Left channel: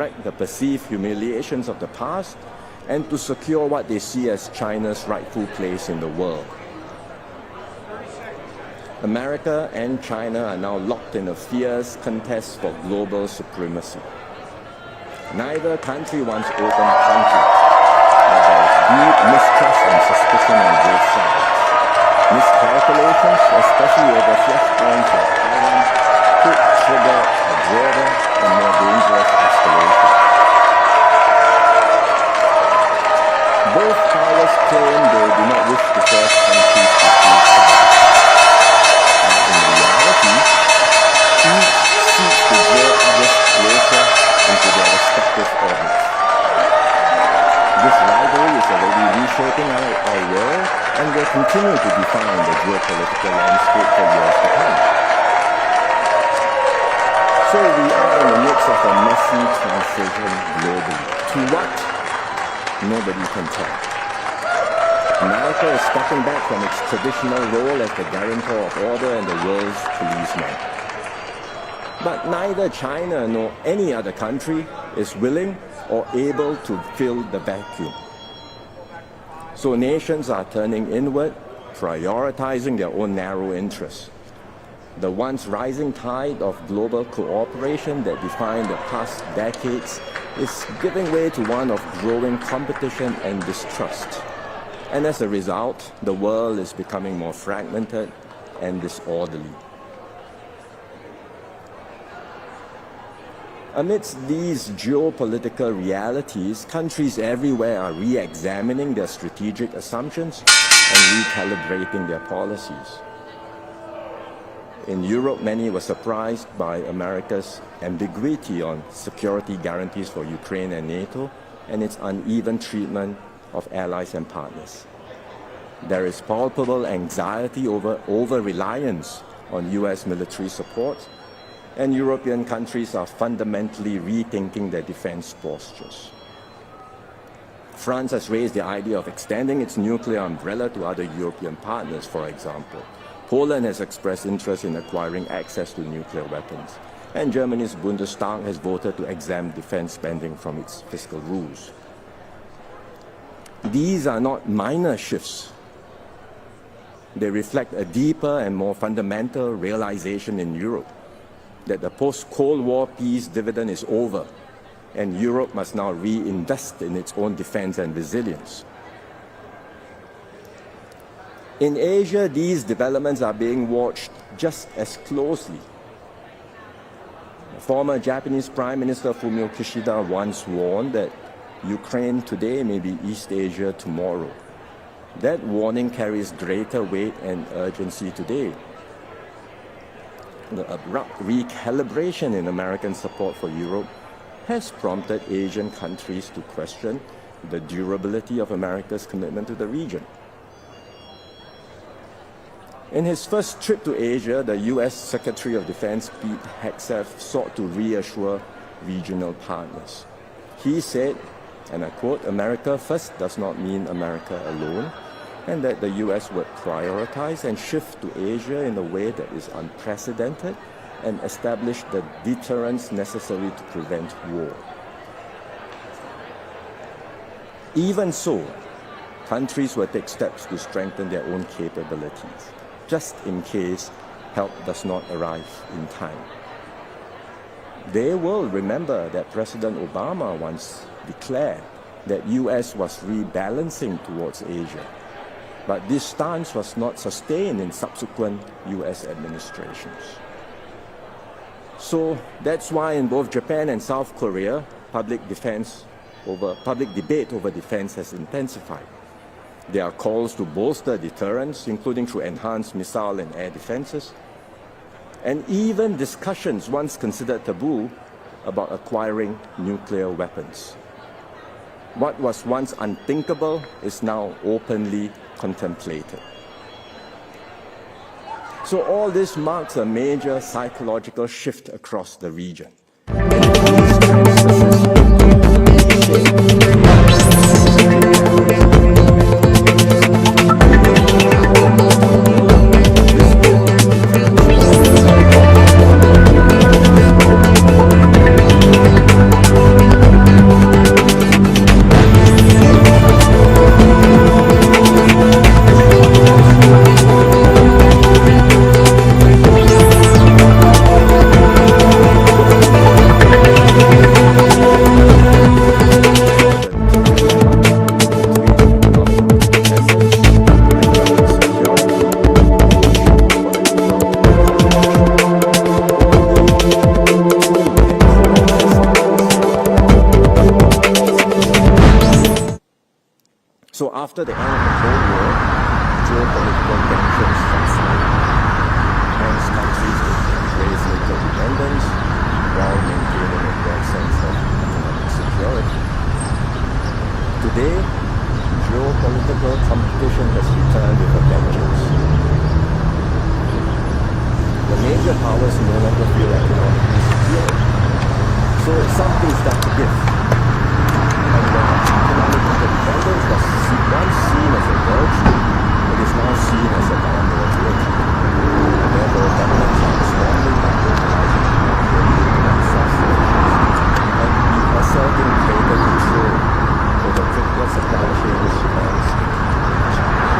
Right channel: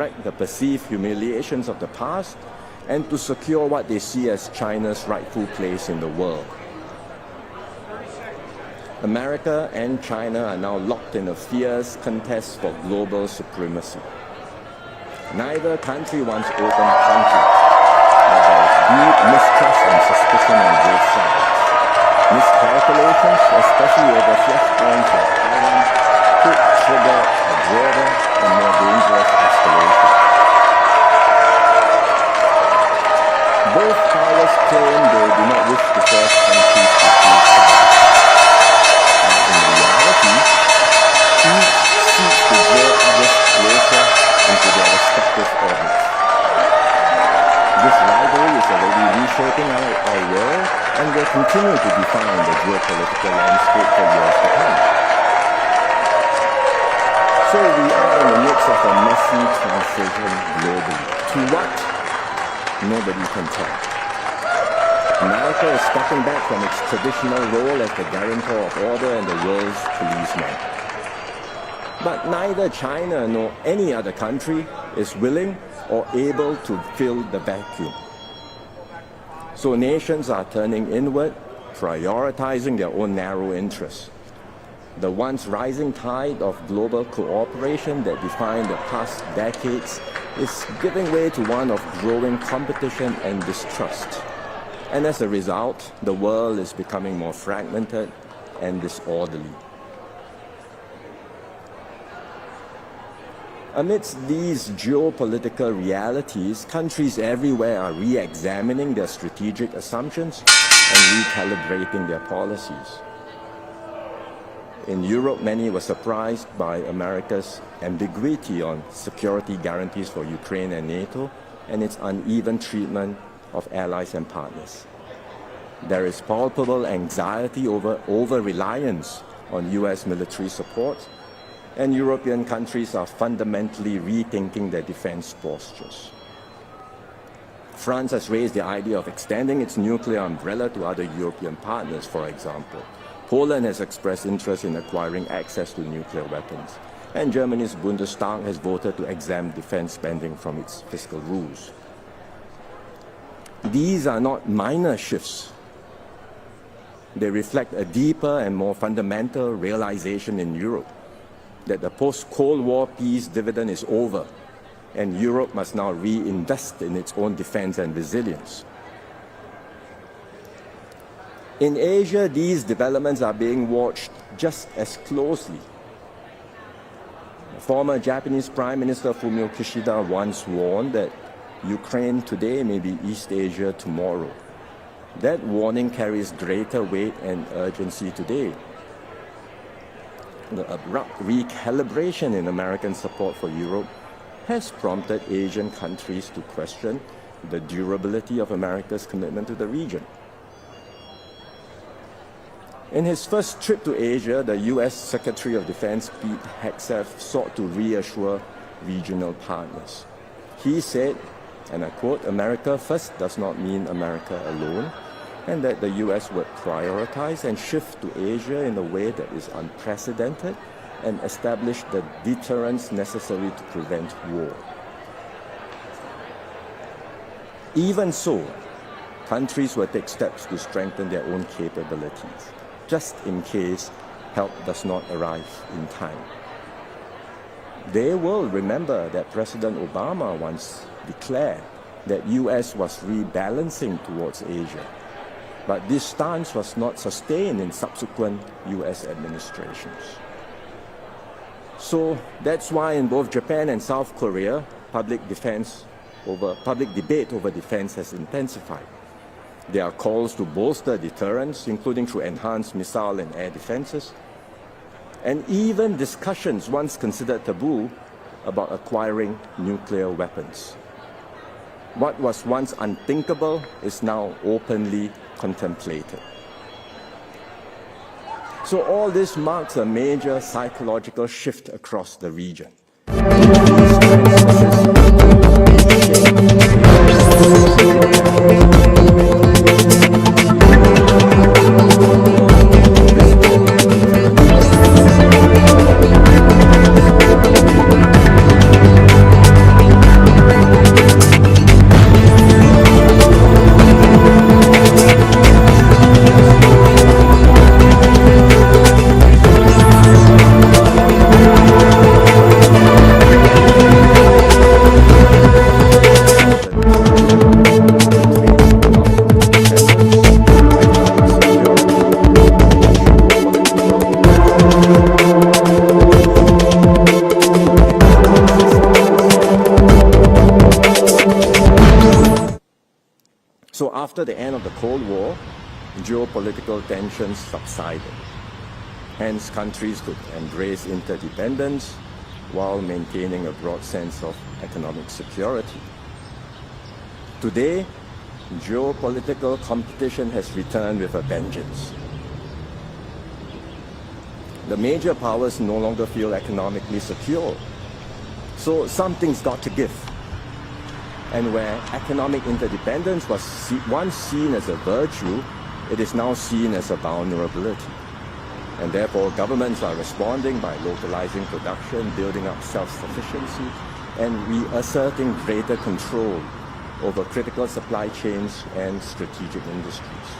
correct the perceived humiliations of the past and to secure what they see as China's rightful place in the world. America and China are now locked in a fierce contest for global supremacy. Neither country wants open conflict, but there is deep mistrust and suspicion on both sides. Miscalculations, especially over flashpoints like Taiwan, could trigger a broader and more dangerous escalation. Both powers claim they do not wish to force countries to choose sides. But in reality, each seeks to draw others closer into their respective orbits. This rivalry is already reshaping our world and will continue to define the geopolitical landscape for years to come. So we are in the midst of a messy transition globally. To what? Nobody can tell. America is stepping back from its traditional role as the guarantor of order and the world's policeman. But neither China nor any other country is willing or able to fill the vacuum. So nations are turning inward, prioritizing their own narrow interests. The once rising tide of global cooperation that defined the past decades is giving way to one of growing competition and distrust. And as a result, the world is becoming more fragmented and disorderly. Amidst these geopolitical realities, countries everywhere are re-examining their strategic assumptions and recalibrating their policies. In Europe, many were surprised by America's ambiguity on security guarantees for Ukraine and NATO and its uneven treatment of allies and partners. There is palpable anxiety over reliance on US military support, and European countries are fundamentally rethinking their defense postures. France has raised the idea of extending its nuclear umbrella to other European partners, for example. Poland has expressed interest in acquiring access to nuclear weapons, and Germany's Bundestag has voted to exempt defense spending from its fiscal rules. These are not minor shifts. They reflect a deeper and more fundamental realization in Europe that the post-Cold War peace dividend is over, and Europe must now reinvest in its own defense and resilience. In Asia, these developments are being watched just as closely. Former Japanese Prime Minister Fumio Kishida once warned that Ukraine today may be East Asia tomorrow. That warning carries greater weight and urgency today. The abrupt recalibration in American support for Europe has prompted Asian countries to question the durability of America's commitment to the region. In his first trip to Asia, the US Secretary of Defense Pete Hegseth sought to reassure regional partners. He said, and I quote, "America first does not mean America alone," and that the US would prioritize and shift to Asia in a way that is unprecedented and establish the deterrence necessary to prevent war. Even so, countries will take steps to strengthen their own capabilities, just in case help does not arrive in time. They will remember that President Obama once declared that US was rebalancing towards Asia, but this stance was not sustained in subsequent US administrations. So that's why in both Japan and South Korea, public debate over defense has intensified. There are calls to bolster deterrence, including through enhanced missile and air defenses, and even discussions once considered taboo about acquiring nuclear weapons. What was once unthinkable is now openly contemplated. So all this marks a major psychological shift across the region. And if these trends persist, So after the end of the Cold War, geopolitical tensions subsided. Hence, countries could embrace interdependence while maintaining a broad sense of economic security. Today, geopolitical competition has returned with a vengeance. The major powers no longer feel economically secure, so something's got to give. And where economic interdependence was once seen as a virtue, it is now seen as a vulnerability. And therefore, governments are responding by localizing production, building up self-sufficiency, and asserting greater control over critical supply chains and strategic industries.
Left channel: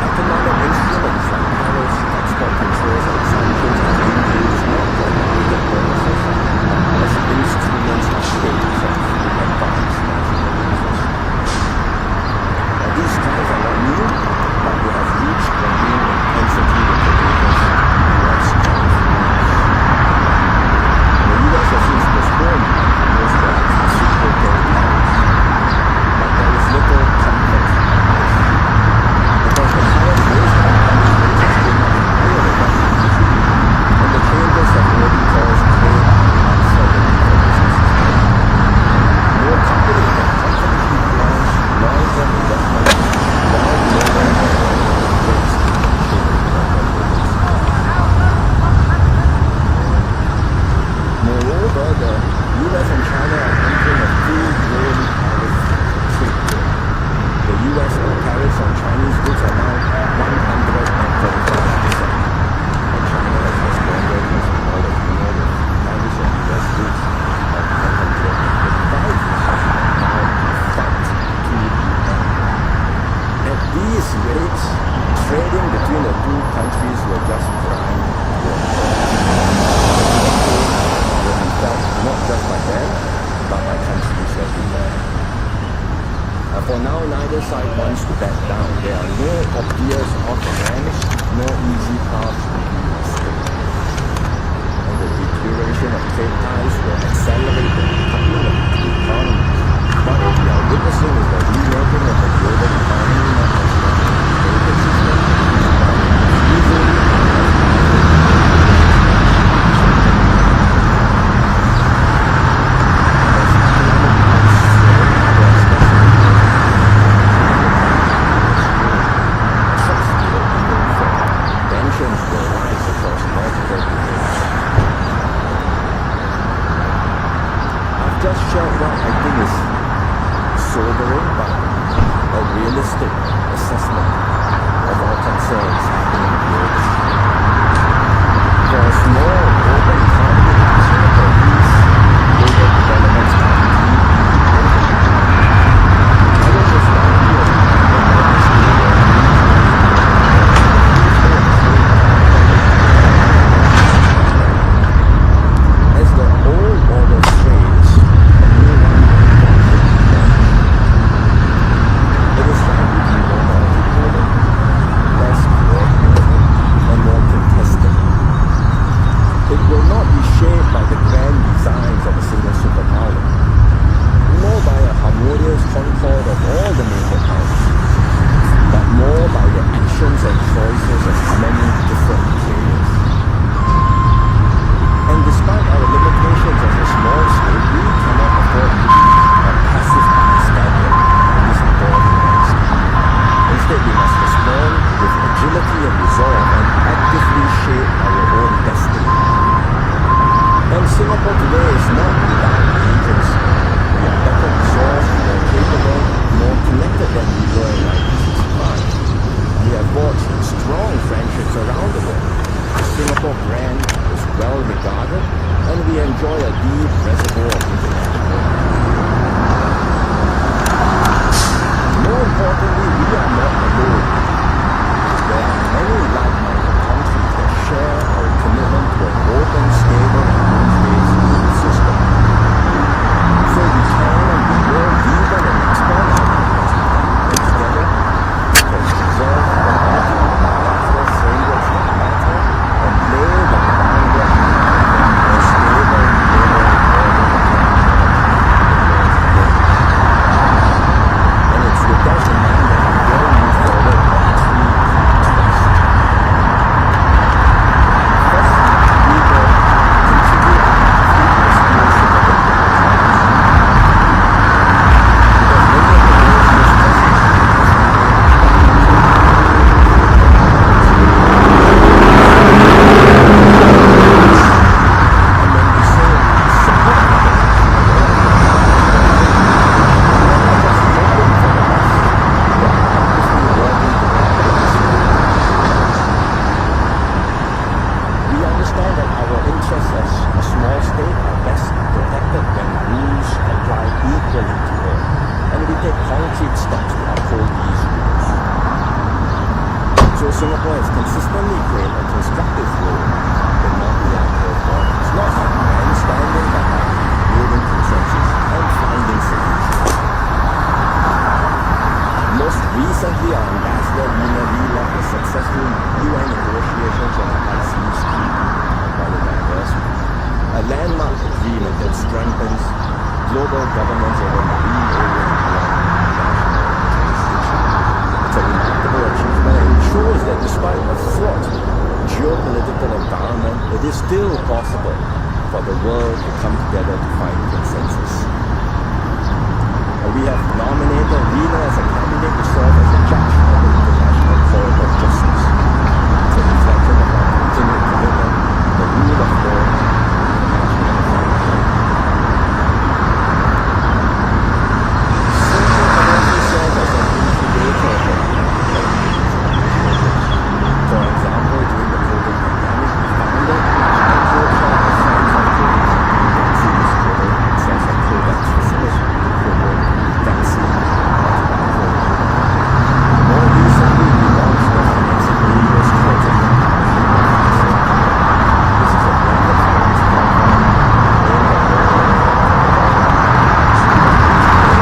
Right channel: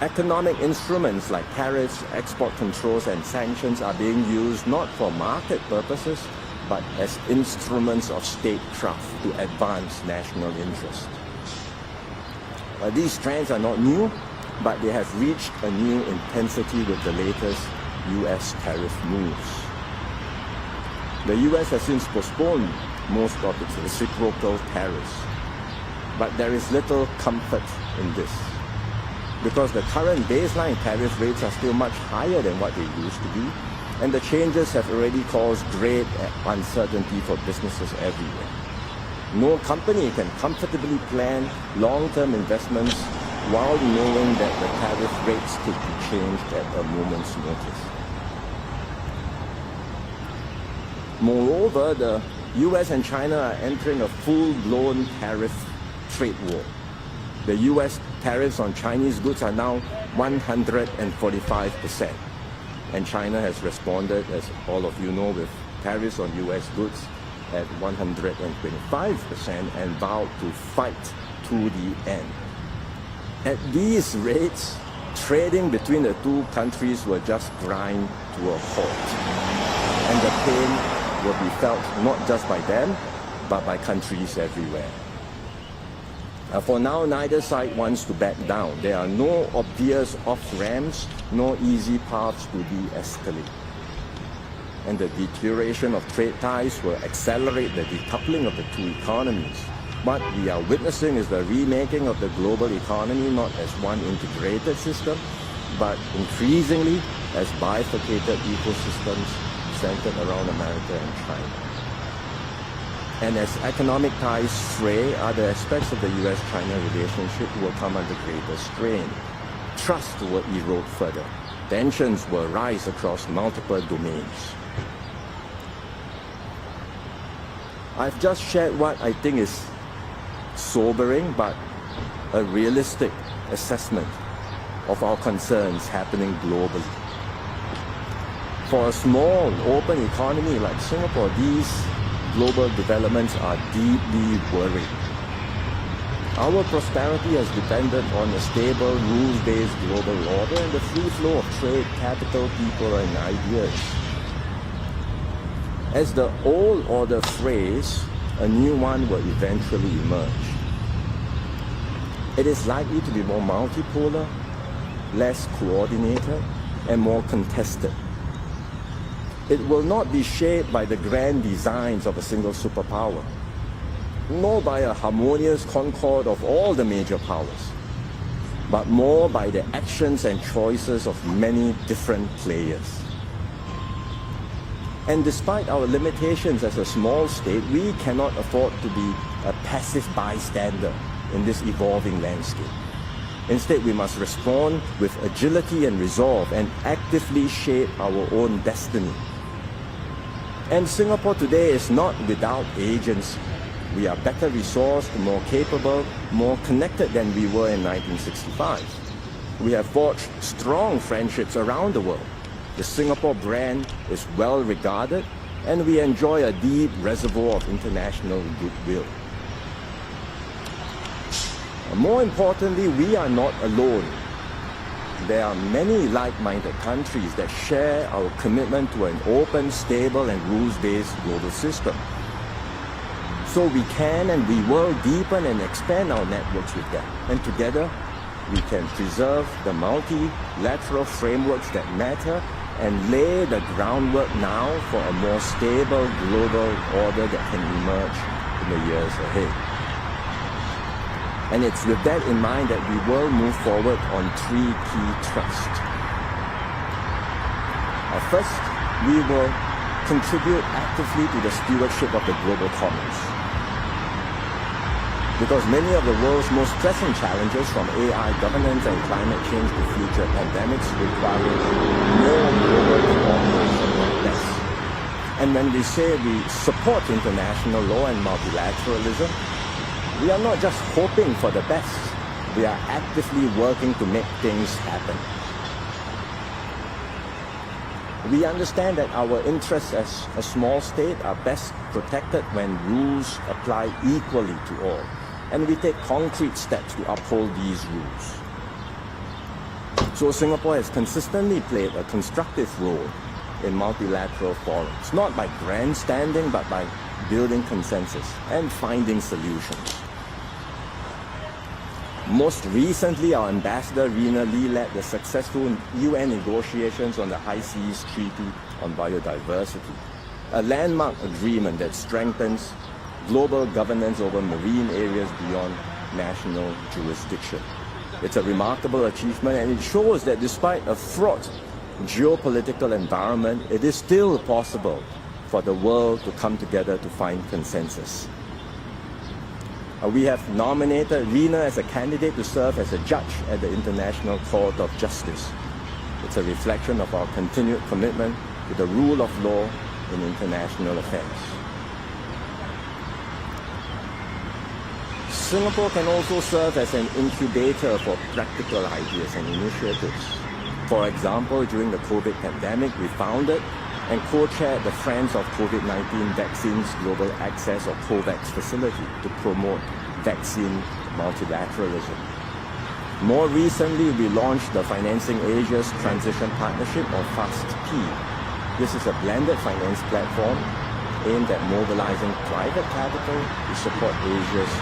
Economic instruments like tariffs, export controls, and sanctions are being used not for market purposes, but as instruments of statecraft to advance national interest. Now, these trends are not new, but they have reached a new intensity with the latest U.S. tariff rules. The U.S. has since postponed most of its reciprocal tariffs, but there is little comfort in this, because the current baseline tariff rates are still much higher than what they used to be, and the changes have already caused great uncertainty for businesses everywhere. No company can comfortably plan long-term investments while knowing that the tariff rates could be changed at a moment's notice. Moreover, the US and China are entering a full-blown tariff trade war. The US tariffs on Chinese goods are now 145%, and China has responded, as all of you know, with tariffs on US goods at 135% and vowed to fight to the end. At these rates, trading between the two countries will just grind to a halt, and the pain will be felt not just by them, but by countries everywhere. For now, neither side wants to back down. There are no obvious off-ramps, nor easy paths to de-escalate. And the deterioration of trade ties will accelerate the decoupling of the two economies. What we are witnessing is the remaking of the global economy not as one integrated system, but increasingly as bifurcated ecosystems strengthening one another. And as economic ties fray, other aspects of the US-China relationship will come into strain. Trust will erode further. Tensions will rise across multiple domains. I've just shared what I think is sobering but a realistic assessment of our concerns happening globally. For a small, open economy like Singapore, these global developments are deeply worrying. Our prosperity has depended on a stable, rules-based global order and the free flow of trade, capital, people, and goods. As the old order frays, a new one will eventually emerge. It is likely to be more multipolar, less coordinated, and more contested. It will not be shaped by the grand designs of a single superpower, nor by a harmonious concord of all the major powers, but more by the actions and choices of many different players. And despite our limitations as a small state, we cannot afford to be a passive bystander in this evolving landscape. Instead, we must respond with agility and resolve and actively shape our own destiny. And Singapore today is not without agency. We are better resourced, more capable, more connected than we were in 1965. We have forged strong friendships around the world. The Singapore brand is well regarded, and we enjoy a deep reservoir of international goodwill. More importantly, we are not alone. There are many like-minded countries that share our commitment to an open, stable, and rules-based global system. So we can and we will deepen and expand our networks with them. And together, we can preserve the multilateral frameworks that matter and lay the groundwork now for a more stable global order that can emerge in the years ahead. And it's with that in mind that we will move forward on three key thrusts. First, we will contribute actively to the stewardship of the global commons. Because many of the world's most pressing challenges from AI, governance, and climate change to future pandemics require. And when we say we support international law and multilateralism, we are not just hoping for the best, we are actively working to make things happen. We understand that our interests as a small state are best protected when rules apply equally to all, and we take concrete steps to uphold these rules. So Singapore has consistently played a constructive role in multilateral forums, not by grandstanding but by building consensus and finding solutions. Most recently, our ambassador Rina Lee led the successful UN negotiations on the High Seas Treaty on Biodiversity, a landmark agreement that strengthens global governance over marine areas beyond national jurisdiction. It's a remarkable achievement, and it shows that despite a fraught geopolitical environment, it is still possible for the world to come together to find consensus. We have nominated Rina as a candidate to serve as a judge at the International Court of Justice. It's a reflection of our continued commitment to the rule of law in international affairs. Singapore can also serve as an incubator for practical ideas and initiatives. For example, during the COVID pandemic, we founded and co-chaired the Friends of COVID-19 Vaccines Global Access or COVAX facility to promote vaccine multilateralism. More recently, we launched the Financing Asia's Transition Partnership or FAST-P. This is a blended finance platform aimed at mobilizing private capital to support Asia's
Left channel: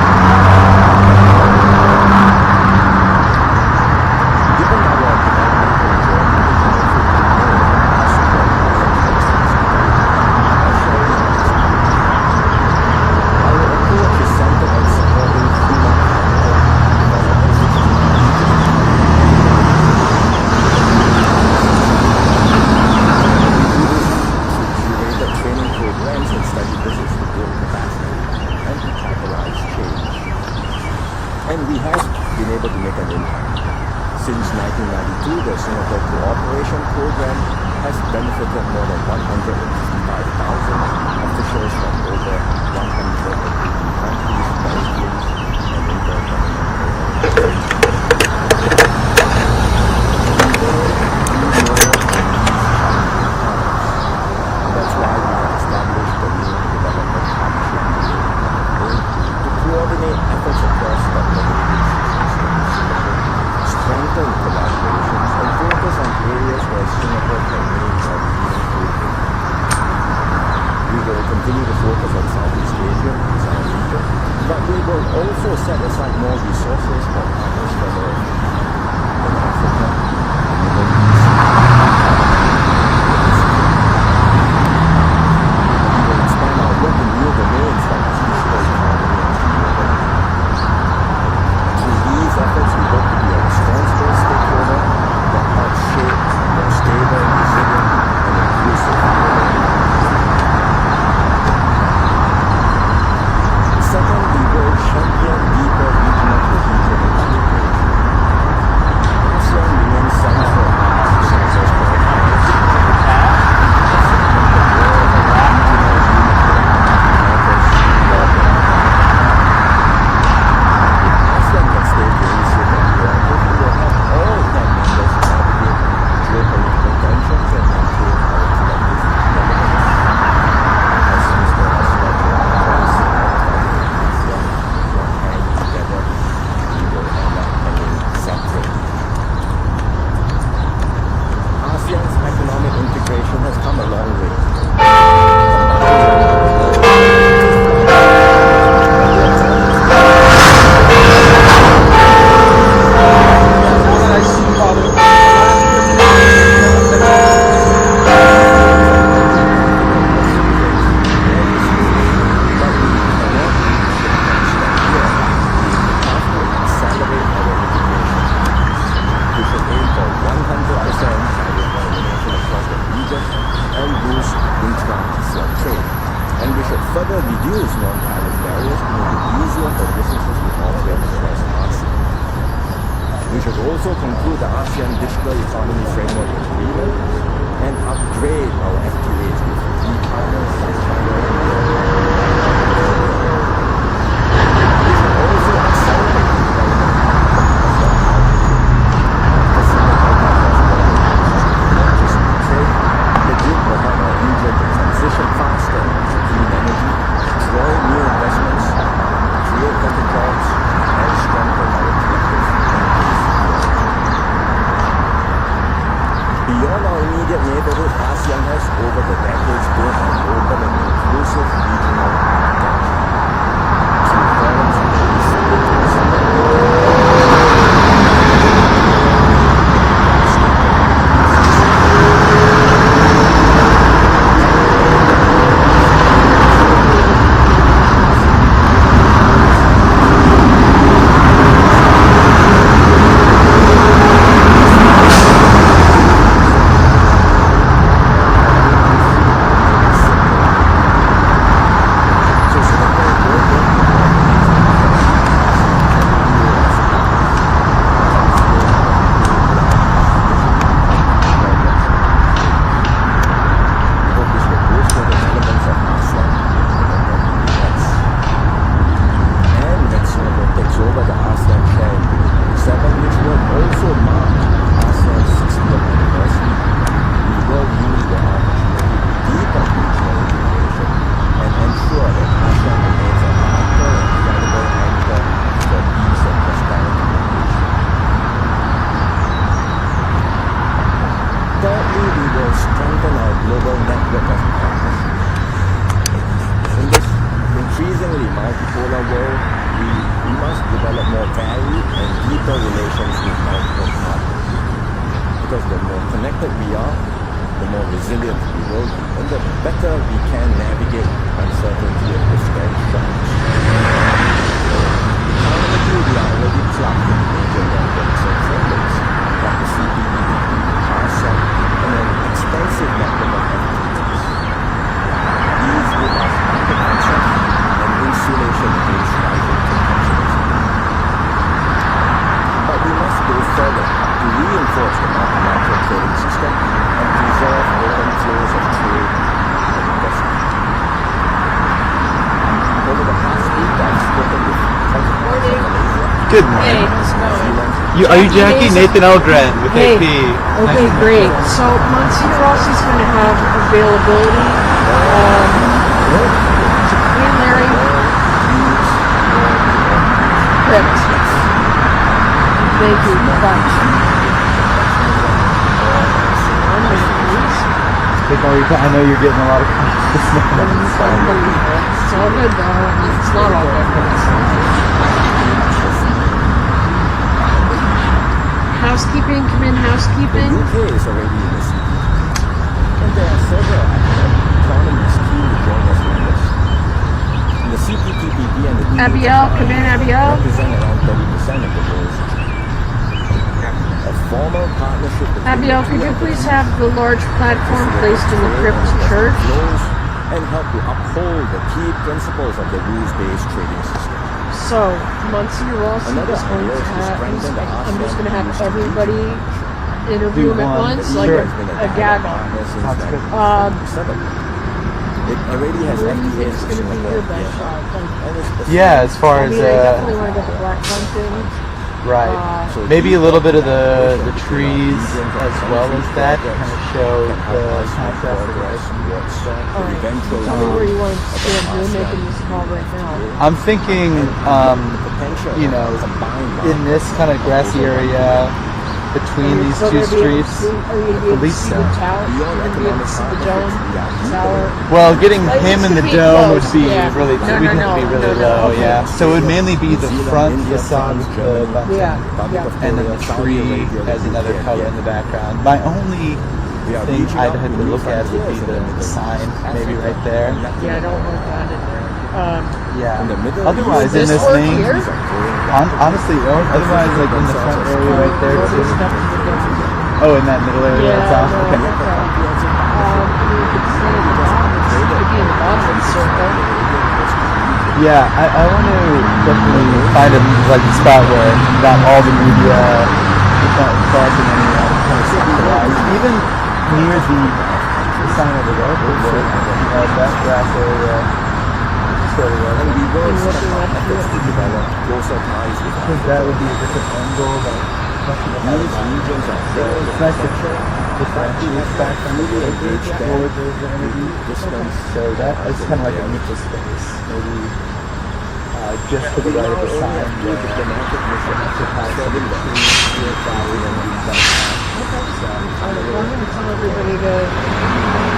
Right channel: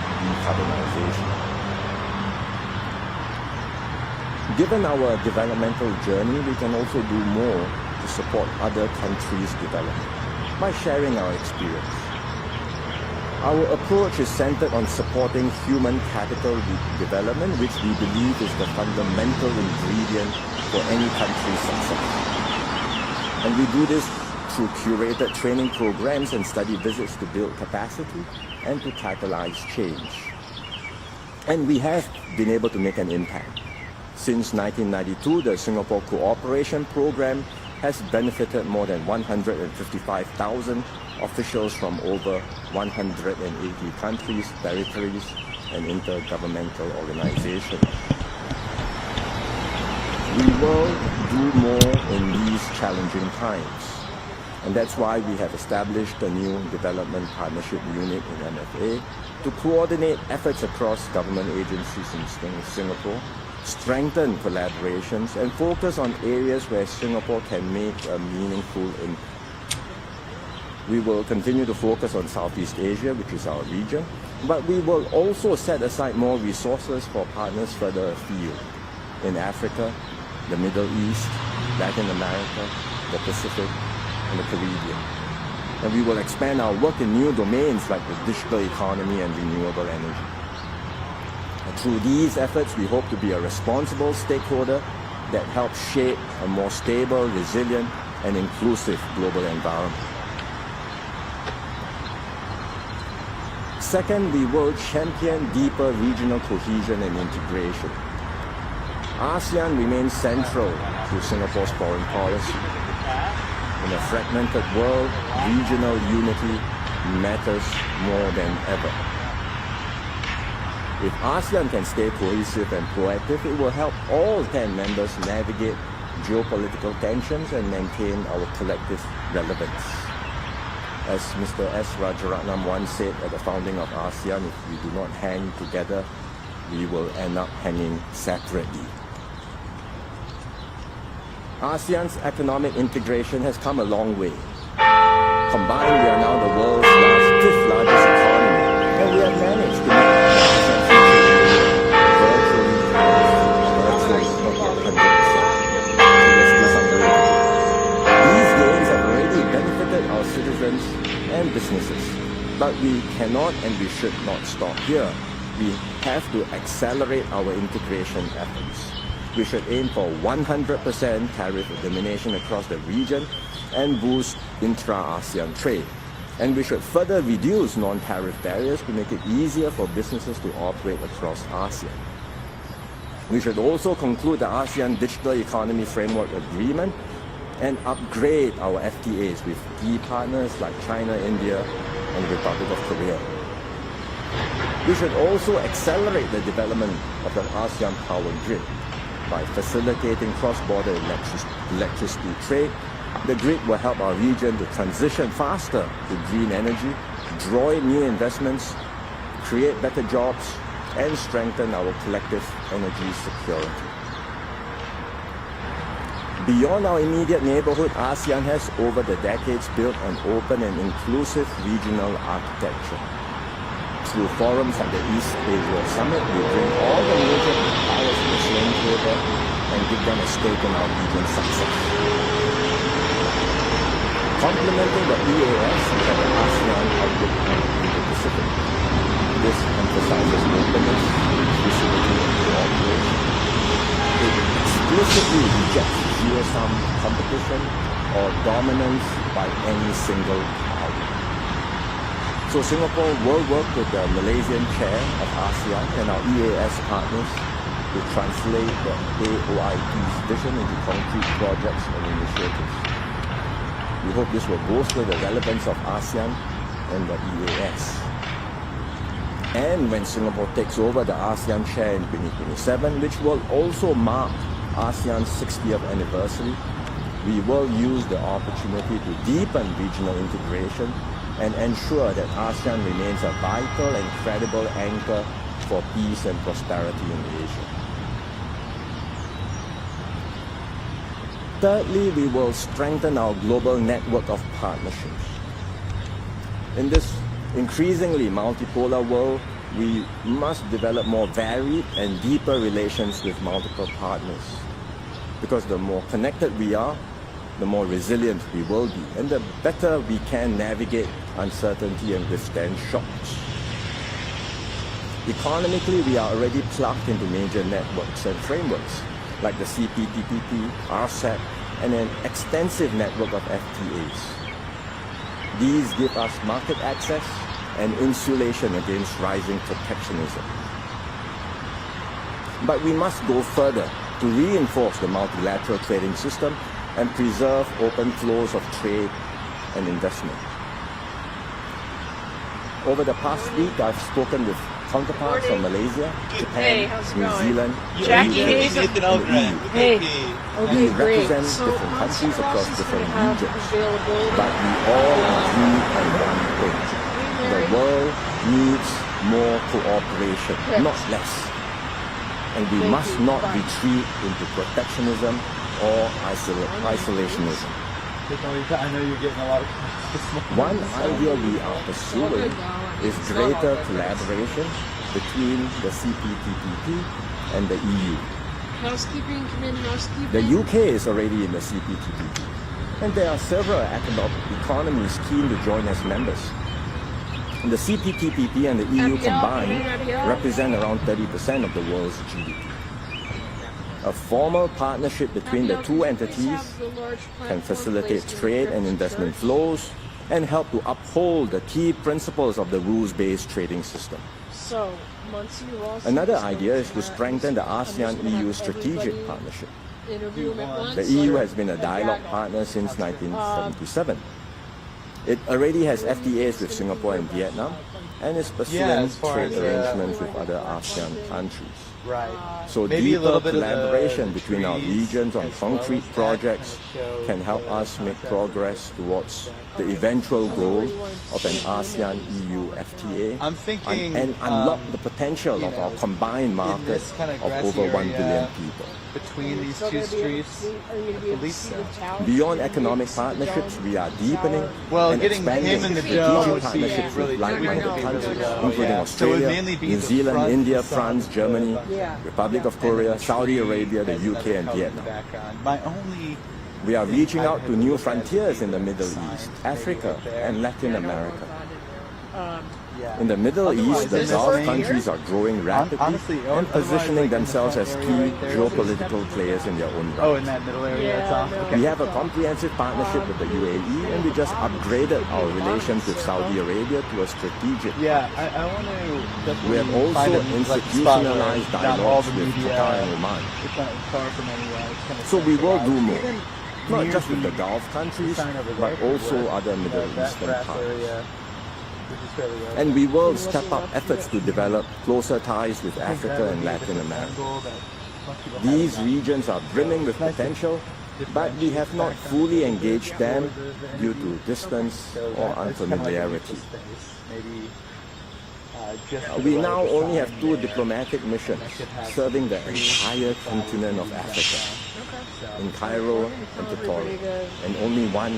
Given our developmental journey, we can also do more to support other countries' development by sharing our experience. Our approach is centered on supporting human capital development, which we believe is the fundamental ingredient for any country's success. And we do this through curated training programs and study visits to build capacity and to catalyze change. And we have been able to make an impact. Since 1992, the Singapore Cooperation Program has benefited more than 155,000 officials from over 180 countries, territories, and intergovernmental organizations. We will do more in these challenging times, and that's why we have established a new Development Partnership Unit (NFA) to coordinate efforts across government agencies in Singapore, strengthen collaborations, and focus on areas where Singapore can make a meaningful impact. We will continue to focus on Southeast Asia, which is our region, but we will also set aside more resources for partners further afield in Africa, the Middle East, Latin America, the Pacific, and the Caribbean. And we will expand our work in new domains like the digital economy and renewable energy. Through these efforts, we hope to be a responsible stakeholder that helps shape a more stable, resilient, and inclusive global environment. Second, we will champion deeper regional cohesion and integration. ASEAN remains central to Singapore's foreign policy. The fragmented world, regional unity matters more than ever. If ASEAN can stay cohesive and proactive, it will help all 10 members navigate geopolitical tensions and maintain our collective relevance. As Mr. S. Rajaratnam once said at the founding of ASEAN, if we do not hang together, we will end up hanging separately. ASEAN's economic integration has come a long way. Combined, we are now the world's fifth largest economy, and we are trying to but we cannot and we should not stop here. We have to accept accelerate our integration efforts. We should aim for 100% tariff elimination across the region and boost intra-ASEAN trade. And we should further reduce non-tariff barriers to make it easier for businesses to operate across ASEAN. We should also conclude the ASEAN Digital Economy Framework Agreement and upgrade our FTAs with key partners like China, India, and the Republic of Korea. We should also accelerate the development of the ASEAN power grid by facilitating cross-border electricity trade. The grid will help our region to transition faster to clean energy, draw in new investments, create better jobs, and strengthen our collective energy security. Beyond our immediate neighborhood, ASEAN has over the decades built an open and inclusive regional architecture. Through forums like the East Asia Summit, we bring all the and become a stake in our indices. Over the ASEAN Chair in 2027, which will also mark ASEAN's 60th anniversary, we will use the opportunity to deepen regional integration and ensure that ASEAN remains a vital and credible anchor for peace and prosperity in Asia. Thirdly, we will strengthen our global network of partnerships. In this increasingly multipolar world, we must develop more varied and deeper relations with multiple partners. Because the more connected we are, the more resilient we will be, and the better we can navigate uncertainty and withstand shocks. Economically, we are already plugged into major networks and frameworks, like the CPTPP, RCEP, and an extensive network of FTAs. These give us market access and insulation against rising protectionism. But we must go further to reinforce the multilateral trading system and preserve open flows of trade and investment. Over the past week, I've spoken with counterparts from Malaysia, Good. Hey, New Zealand. Are you Jackie? Nathan Eldred with AP. Okay, great. So Monsieur Ross is going to have availability. The world needs more cooperation, not less. And we must not retreat into protectionism or isolationism. I know you're getting a lot of questions. It's all good though. Is It's not all greater good. collaboration between the CPTPP and the EU. Housekeeping, come in, The housekeeping. UK is already in the CPTPP, and there are several economies keen to join as members. The CPTPP and the EU Abiel, combined come in, Abiel. represent around 30% of the world's GDP. A formal partnership between Abiel, the could two you entities please have the large can platform facilitate placed in the trade and Crypt investment Church? flows and help to uphold the key principles of the rules-based trading system. So, Monsieur Ross. Another idea is to strengthen the I'm just going to ASEAN-EU have strategic everybody partnership. interview him at The once. The EU like has been a gag. dialogue partner since 1977. It already has FTAs with Singapore and Vietnam, and is pursuing Yeah, as far as, trade relations we with wanna go other black ASEAN hunting. countries. Right. So Maybe a little bit of the collaboration between our trees regions and as well concrete as that kind projects of show can help the us make contrast progress of towards the Alright. eventual So goal where do you want to of an stand? We're ASEAN making this call EU right FTA. now. I'm thinking and unlock the potential you of our know, combined market in this kind of grassy over 1 billion area people. between these two streets. Believe so. Beyond economic partnerships, we are deepening. Well, getting him in the dome would be Yeah. really, No, we no, think no, would be really no, no. low, yeah. So it would mainly be New the Zealand, front, India, the sun, France, Germany, Yeah. Republic of and then Korea, the Saudi tree Arabia, the has UK, another and color in the Vietnam. background. My only We are thing reaching I'd out have to to new look at would frontiers be in the Middle sign, East, maybe Africa, right there. and Latin Yeah, I don't want America. that in there. Yeah. In the Middle Otherwise, East, in the this Gulf thing, countries are growing rapidly honestly, and otherwise, positioning like, in this themselves as area key right there, it's just geopolitical players in their own right. Oh, in that middle area, Yeah, that's awesome. no. Okay. We have a comprehensive partnership with the UAE, and we just upgraded our relations with Saudi Arabia to a strategic. Yeah, I want to definitely find a like spot where not all the media is not crossing any So we will do even not near just with the the Gulf countries, sign of the but Gulf, also other Middle that East. grass area. Sort of And we will step up efforts to develop closer ties with because that Africa would and be a Latin different America. angle. These regions are brimming with potential, but we have not fully engaged them due to distance or unfamiliarity. We now only have 2 diplomatic missions serving the entire continent of Africa, in Cairo and Everybody to only one